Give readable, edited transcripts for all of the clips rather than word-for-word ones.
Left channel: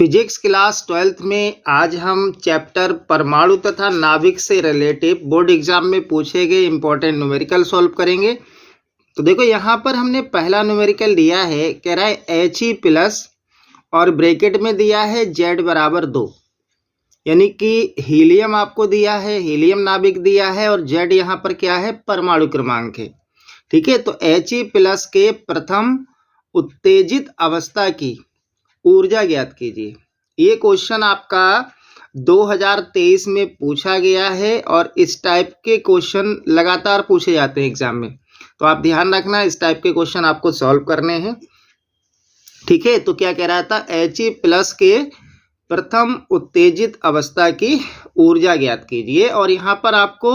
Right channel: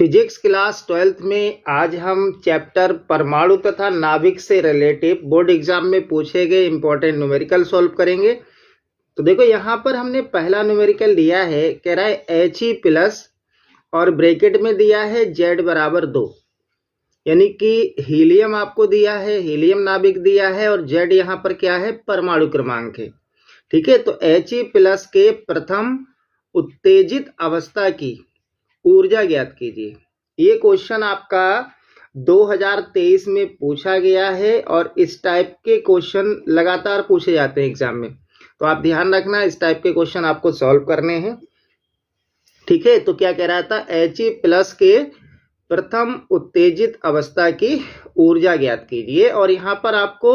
Physics class 12th में आज हम चैप्टर परमाणु तथा नाभिक से रिलेटिव बोर्ड एग्जाम में पूछे गए इंपॉर्टेंट न्यूमेरिकल सॉल्व करेंगे। तो देखो यहाँ पर हमने पहला न्यूमेरिकल दिया है, कह रहा है He प्लस और ब्रैकेट में दिया है Z बराबर 2, यानी कि हीलियम आपको दिया है, हीलियम नाभिक दिया है और Z यहाँ पर क्या है, परमाणु क्रमांक है। ठीक है, तो He प्लस के प्रथम उत्तेजित अवस्था की ऊर्जा ज्ञात कीजिए। ये क्वेश्चन आपका 2023 में पूछा गया है और इस टाइप के क्वेश्चन लगातार पूछे जाते हैं एग्जाम में, तो आप ध्यान रखना इस टाइप के क्वेश्चन आपको सॉल्व करने हैं। ठीक है, तो क्या कह रहा था, He प्लस के प्रथम उत्तेजित अवस्था की ऊर्जा ज्ञात कीजिए और यहाँ पर आपको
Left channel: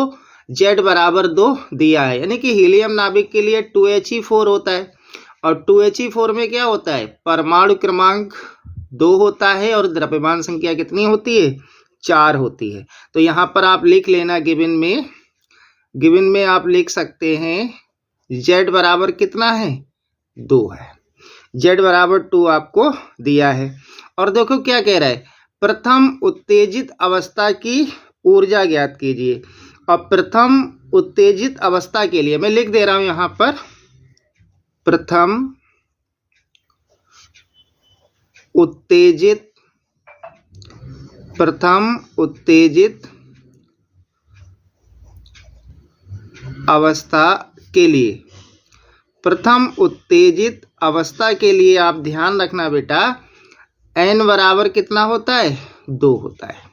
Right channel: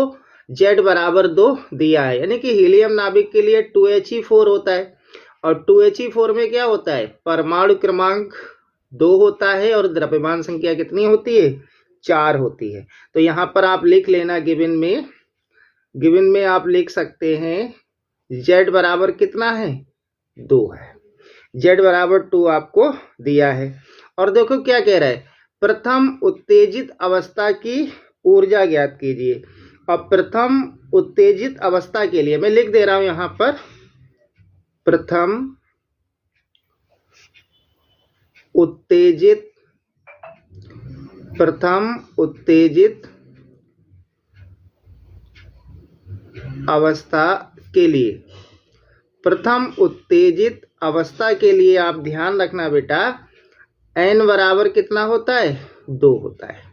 Z बराबर 2 दिया है, यानी कि हीलियम नाभिक के लिए 2He4 होता है और 2He4 में क्या होता है, परमाणु क्रमांक 2 होता है और द्रव्यमान संख्या कितनी होती है, 4 होती है। तो यहाँ पर आप लिख लेना, गिवन में आप लिख सकते हैं Z बराबर कितना है, 2 है। Z बराबर 2 आपको दिया है और देखो क्या कह रहा है, प्रथम उत्तेजित अवस्था की ऊर्जा ज्ञात कीजिए। और प्रथम उत्तेजित अवस्था के लिए मैं लिख दे रहा हूं यहाँ पर, प्रथम उत्तेजित अवस्था के लिए, प्रथम उत्तेजित अवस्था के लिए आप ध्यान रखना बेटा, n बराबर कितना होता है, 2 होता है।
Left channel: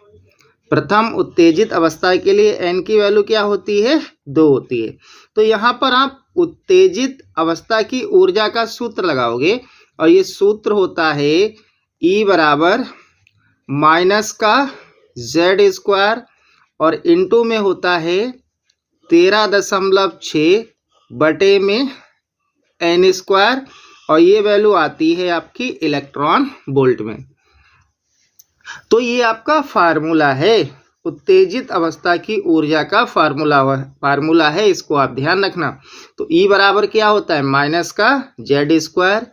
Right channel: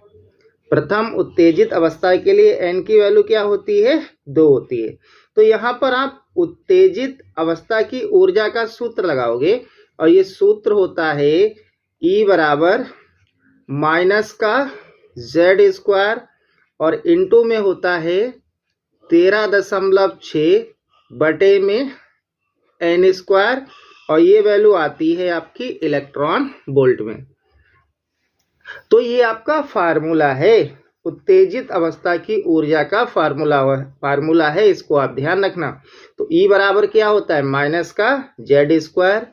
प्रथम उत्तेजित अवस्था के लिए n की वैल्यू क्या होती है, 2 होती है। तो यहाँ पर आप उत्तेजित अवस्था की ऊर्जा का सूत्र लगाओगे और ये सूत्र होता है E बराबर माइनस का Z² और इनटू में होता है 13.6 बटे में n² और ये वैल्यू आती है आपकी इलेक्ट्रॉन वोल्ट में। तो ये आपका फार्मूला है, उत्तेजित अवस्था की ऊर्जा का फार्मूला है, इसको आप ध्यान रखना। तो E बराबर क्या होता है, माइनस का Z²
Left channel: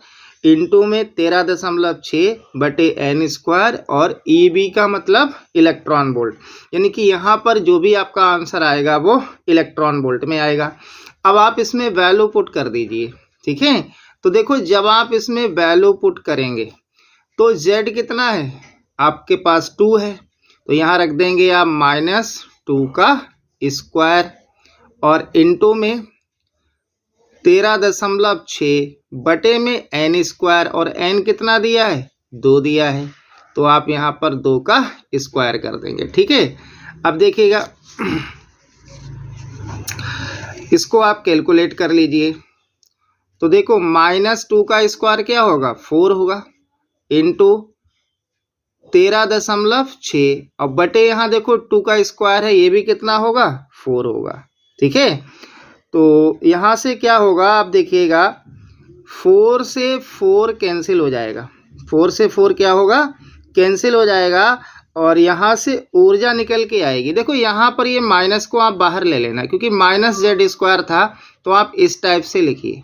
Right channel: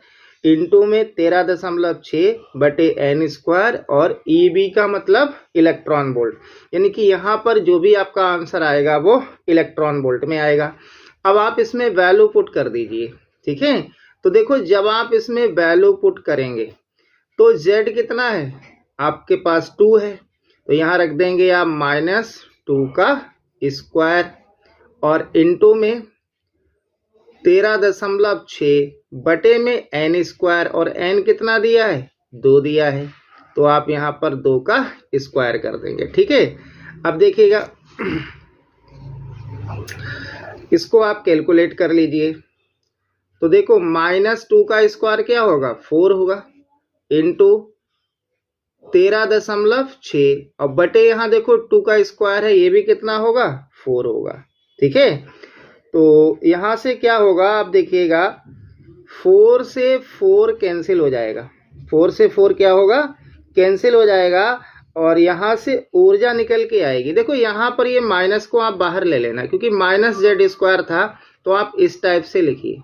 इनटू में 13.6 बटे n² और EB का मतलब इलेक्ट्रॉन वोल्ट, यानी कि यहाँ पर जो भी आपका आंसर आएगा वो इलेक्ट्रॉन वोल्ट में आएगा। अब आप इसमें वैल्यू पुट कर दीजिए। ठीक है, तो देखो जब आप इसमें वैल्यू पुट करेंगे तो Z कितना है आपके पास, 2 है, तो यहाँ रख देंगे आप -2 का स्क्वायर और इनटू में 13.6 बटे में n² और n कितना दिया है, 2 दिया है, तो आप यहाँ पर 2 का स्क्वायर कर देंगे। ठीक है, अब देखिएगा इसको आप कैलकुलेट कर लीजिए। तो देखो -2 का स्क्वायर क्या होगा, 4 होगा, इनटू 13.6 और बटे यहाँ देखो 2 का स्क्वायर है, ये भी कितना होगा, 4 होगा। ठीक है, तो यहाँ से क्या होगा, आप देखिएगा 4 से 4 कैंसिल हो जाएगा, 4 से 4 क्या होगा, कैंसिल हो जाएगा और यहाँ से ऊर्जा निकल के आएगी। देखो यहाँ पर ये माइनस को आप बाहर ले लेना, क्योंकि -Z² था तो आप इस टाइप से लिखिए।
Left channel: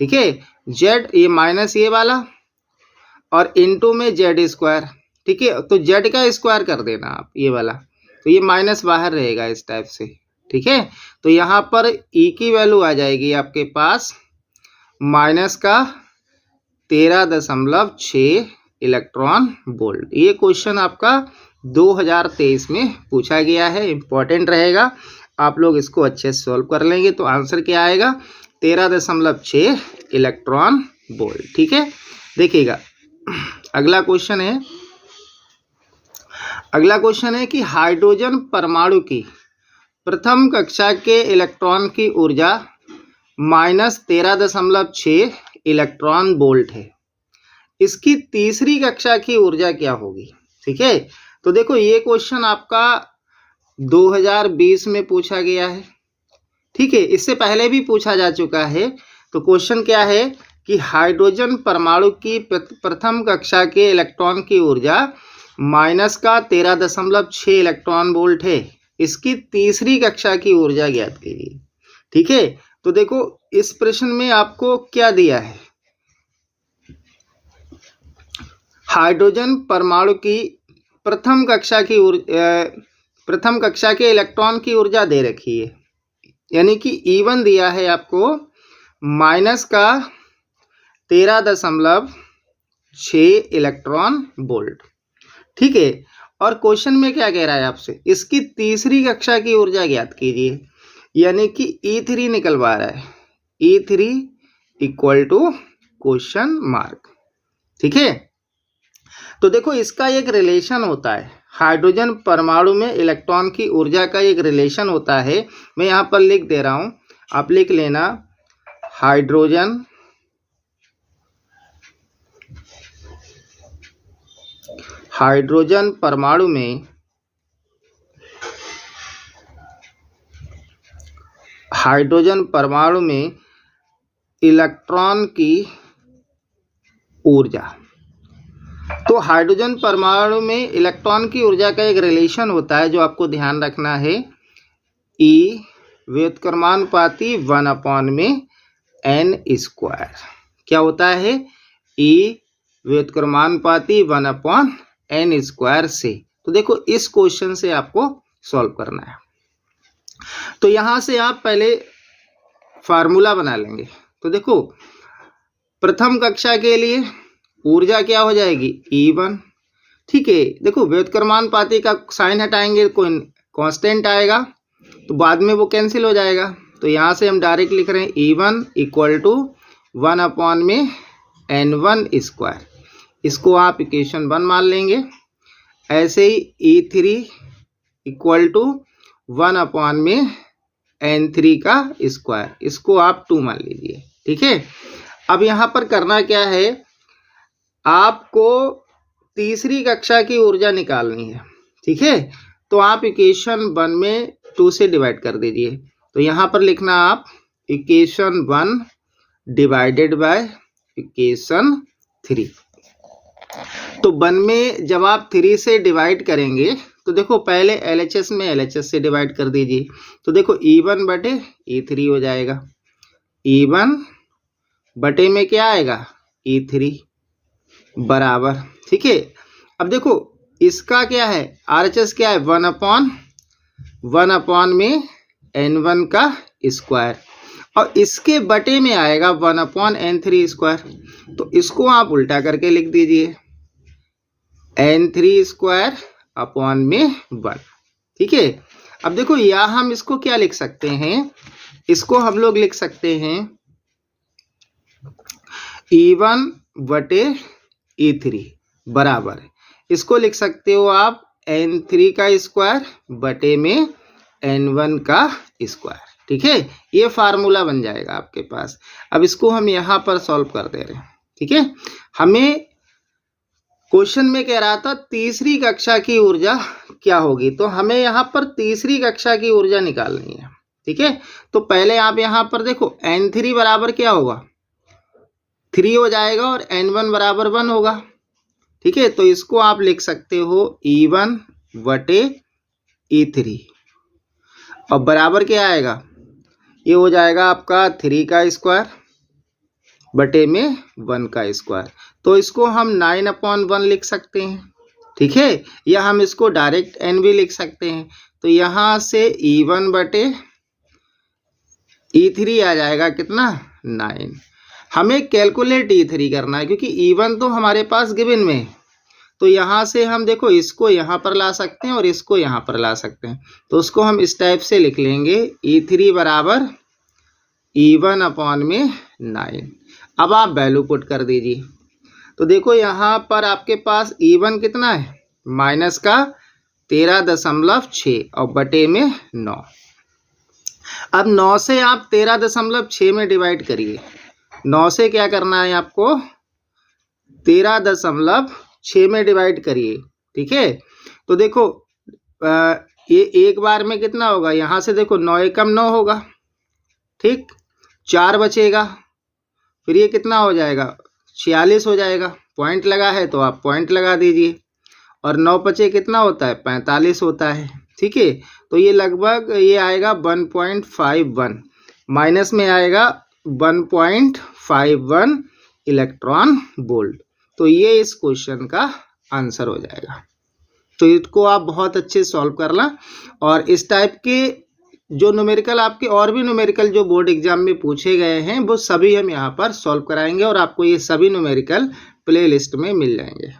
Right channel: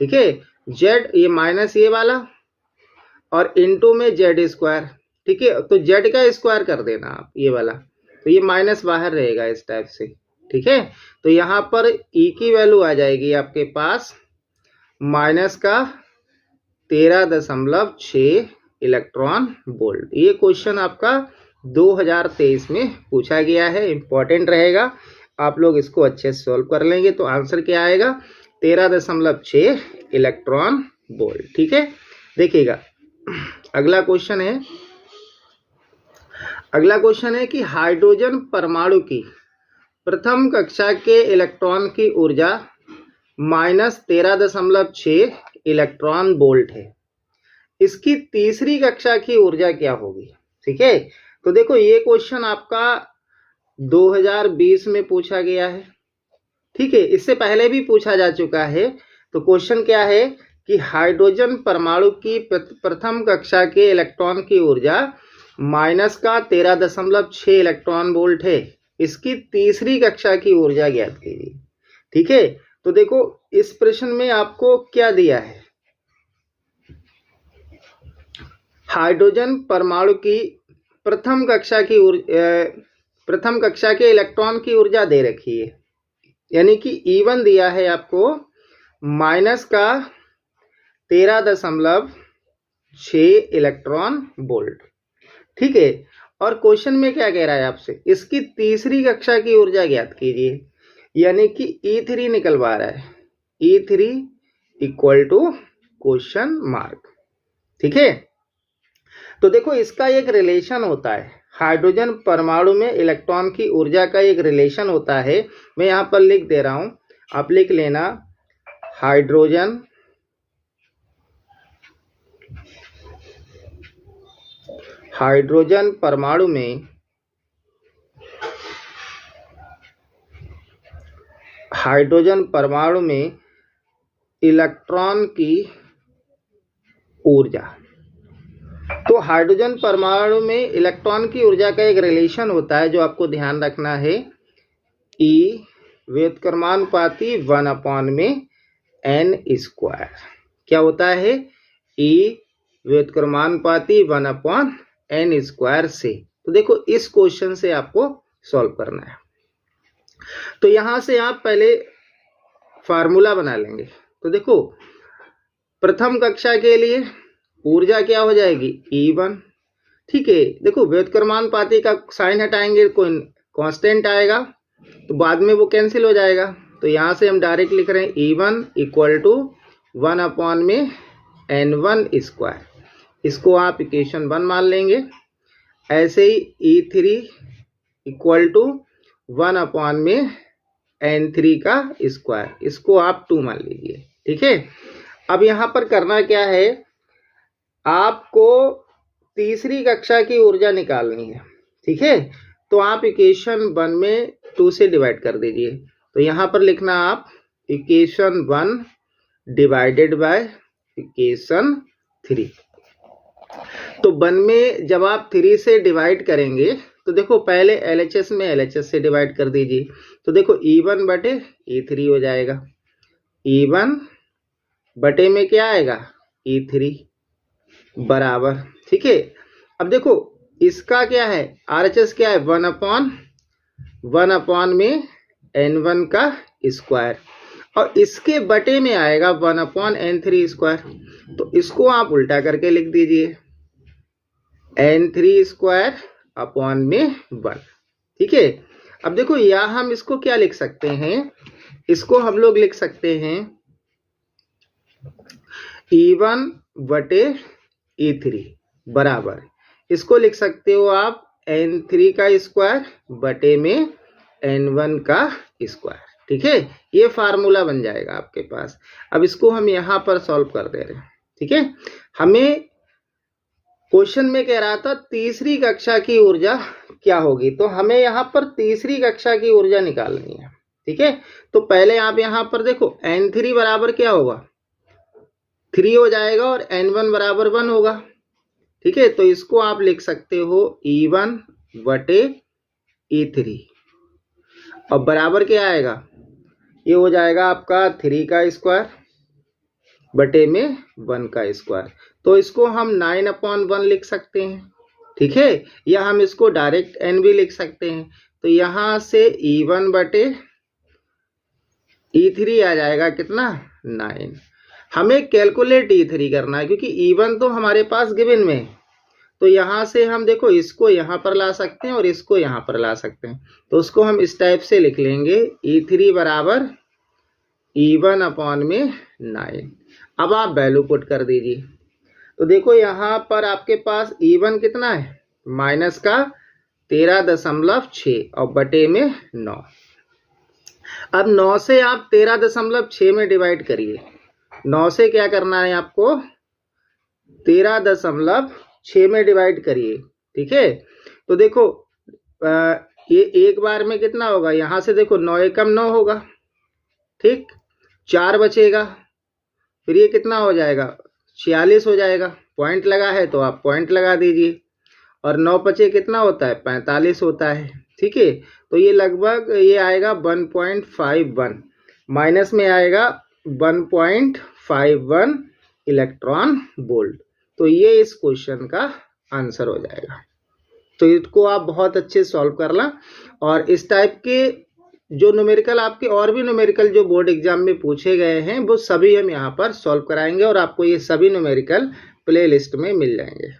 ठीक है, Z ये माइनस ये वाला और इनटू में Z²। ठीक है, तो Z का स्क्वायर कर देना आप ये वाला, तो ये माइनस बाहर रहेगा इस टाइप से। ठीक है, तो यहाँ पर E की वैल्यू आ जाएगी आपके पास माइनस का 13.6 इलेक्ट्रॉन वोल्ट। ये क्वेश्चन आपका 2023 में पूछा गया है, इंपॉर्टेंट रहेगा, आप लोग इसको अच्छे से सॉल्व कर लेंगे तो आंसर क्या आएगा, 13.6 इलेक्ट्रॉन वोल्ट। ठीक है, देखिएगा अगला क्वेश्चन है कि हाइड्रोजन परमाणु की प्रथम कक्षा के इलेक्ट्रॉन की ऊर्जा -13.6 इलेक्ट्रॉन वोल्ट है, इसकी तीसरी कक्षा की ऊर्जा क्या होगी। ठीक है, तो देखो ये क्वेश्चन आपका 2020 में पूछा गया है। ठीक है, इससे पहले भी पूछा जा चुका है। तो क्वेश्चन क्या है कि हाइड्रोजन परमाणु की प्रथम कक्षा के इलेक्ट्रॉन की ऊर्जा -13.6 इलेक्ट्रॉन वोल्ट है, इसकी तीसरी कक्षा की ऊर्जा ज्ञात कीजिए। ठीक है, तो देखो इस प्रश्न में आपको क्या दिया है, हाइड्रोजन परमाणु की प्रथम कक्षा के इलेक्ट्रॉन की ऊर्जा दे रखी है, यानी कि E1 दिया है आपको -13.6 इलेक्ट्रॉन वोल्ट। ठीक है, और क्वेश्चन में क्या कह रहा है आपसे, इसकी तीसरी कक्षा की ऊर्जा ज्ञात कीजिए, यानी कि E3 निकलवा रहा है, E3 equal to question mark. ठीक है, तो देखो इसका एक रिलेशन होता है, हाइड्रोजन परमाणु में इलेक्ट्रॉन की ऊर्जा का एक रिलेशन होता है। मैं यहाँ पर लिख दे रहा हूं, आप लिख लेना। हाइड्रोजन परमाणु में इलेक्ट्रॉन की ऊर्जा, तो हाइड्रोजन परमाणु में इलेक्ट्रॉन की ऊर्जा का एक रिलेशन होता है जो आपको ध्यान रखना है, E व्युत्क्रमानुपाती 1/n²। क्या होता है, E व्युत्क्रमानुपाती 1/n² से। तो देखो इस क्वेश्चन से आपको सॉल्व करना है, तो यहां से आप पहले फार्मूला बना लेंगे। तो देखो प्रथम कक्षा के लिए ऊर्जा क्या हो जाएगी, E1। ठीक है, देखो व्युत्क्रमानुपाती का साइन हटाएंगे, कोई कांस्टेंट आएगा तो बाद में वो कैंसिल हो जाएगा। तो यहाँ से हम डायरेक्ट लिख रहे हैं E1 इक्वल टू 1/n1²। इसको आप इक्वेशन 1 मान लेंगे। ऐसे ही E3 इक्वल टू 1/n3², इसको आप 2 मान लीजिए। ठीक है, अब यहाँ पर करना क्या है, आपको तीसरी कक्षा की ऊर्जा निकालनी है। ठीक है, तो आप इक्वेशन 1 में 2 से डिवाइड कर दीजिए। तो यहाँ पर लिखना आप इक्वेशन 1 डिवाइडेड बाय इक्वेशन 3। तो 1 में जब आप 3 से डिवाइड करेंगे तो देखो पहले LHS में LHS से डिवाइड कर दीजिए। तो देखो E1 बटे E3 हो जाएगा, E1 बटे में क्या आएगा, E3 बराबर। ठीक है, अब देखो इसका क्या है, RHS क्या है, 1/n1², और इसके बटे में आएगा 1/n3²। तो इसको आप उल्टा करके लिख दीजिए, n3²/1। ठीक है, अब देखो यहाँ हम इसको क्या लिख सकते हैं, इसको हम लोग लिख सकते हैं E1 बटे E3 बराबर, इसको लिख सकते हो आप n3² बटे में n1²। ठीक है, ये फार्मूला बन जाएगा आपके पास। अब इसको हम यहाँ पर सॉल्व कर दे रहे हैं। ठीक है, हमें क्वेश्चन में कह रहा था तीसरी कक्षा की ऊर्जा क्या होगी, तो हमें यहाँ पर तीसरी कक्षा की ऊर्जा निकालनी है। ठीक है, तो पहले आप यहाँ पर देखो n3 बराबर क्या होगा, 3 हो जाएगा, और n1 बराबर 1 होगा। ठीक है, तो इसको आप लिख सकते हो E1 बटे E3, और बराबर क्या आएगा, ये हो जाएगा आपका 3² बटे में 1²। तो इसको हम 9/1 लिख सकते हैं। ठीक है, या हम इसको डायरेक्ट n भी लिख सकते हैं। तो यहाँ से E1 बटे E3 आ जाएगा कितना, 9। हमें कैलकुलेट E3 करना है क्योंकि E1 तो हमारे पास गिवन में है। तो यहाँ से हम देखो इसको यहाँ पर ला सकते हैं और इसको यहाँ पर ला सकते हैं। तो उसको हम इस टाइप से लिख लेंगे, E3 बराबर E1/9। अब आप वैल्यू पुट कर दीजिए। तो देखो यहाँ पर आपके पास E1 कितना है, -13.6 और बटे में 9। अब 9 से आप 13.6 में डिवाइड करिए। 9 से क्या करना है आपको, 13.6 में डिवाइड करिए। ठीक है, तो देखो ये एक बार में कितना होगा, यहाँ से देखो 9 एकम 9 होगा। ठीक, 4 बचेगा, फिर ये कितना हो जाएगा, 46 हो जाएगा। पॉइंट लगा है तो आप पॉइंट लगा दीजिए, और 9 बचे कितना होता है, 45 होता है। ठीक है, तो ये लगभग ये आएगा 1.51, माइनस में आएगा 1.51 इलेक्ट्रॉन वोल्ट। तो ये इस क्वेश्चन का आंसर हो जाएगा। तो इसको आप बहुत अच्छे सॉल्व करना, और इस टाइप के जो न्यूमेरिकल आपके और भी न्यूमेरिकल जो बोर्ड एग्जाम में पूछे गए हैं वो सभी हम यहाँ पर सॉल्व कराएंगे, और आपको ये सभी न्यूमेरिकल प्ले लिस्ट में मिल जाएंगे।